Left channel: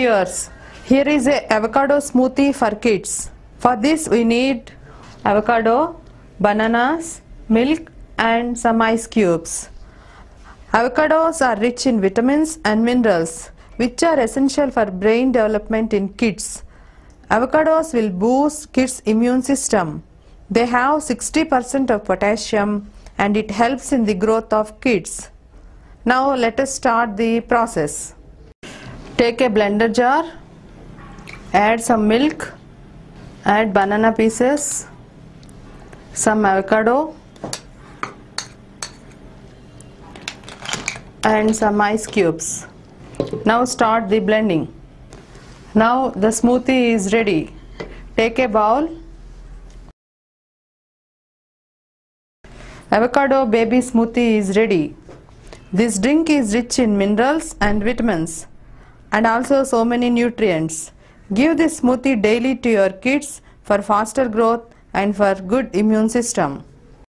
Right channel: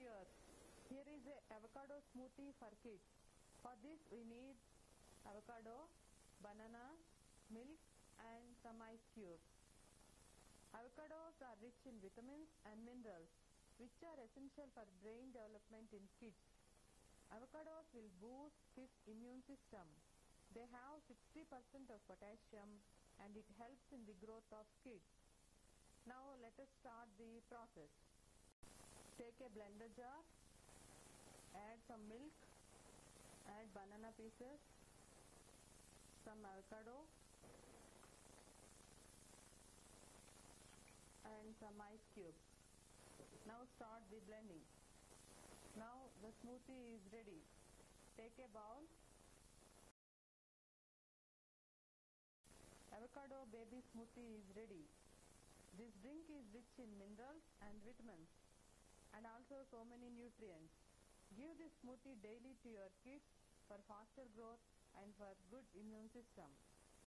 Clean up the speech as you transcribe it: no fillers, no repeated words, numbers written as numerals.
viewers, here is a avocado smoothie for kids. For this we need avocado, bananas, milk and some ice cubes. Avocados are rich in vitamins and minerals which are essential for brain development in kids. Avocados will boost kids' immune system. They have 60% of potassium and it helps in the growth of kids. Now let us start the process. Take a blender jar, add some milk, add banana pieces, some avocado and some ice cubes. Now start the blending. Now the smoothie is ready. Take a bowl. Avocado baby smoothie is ready. This drink is rich in minerals and vitamins and also so many nutrients. Give this smoothie daily to your kids for faster growth and for good immune system.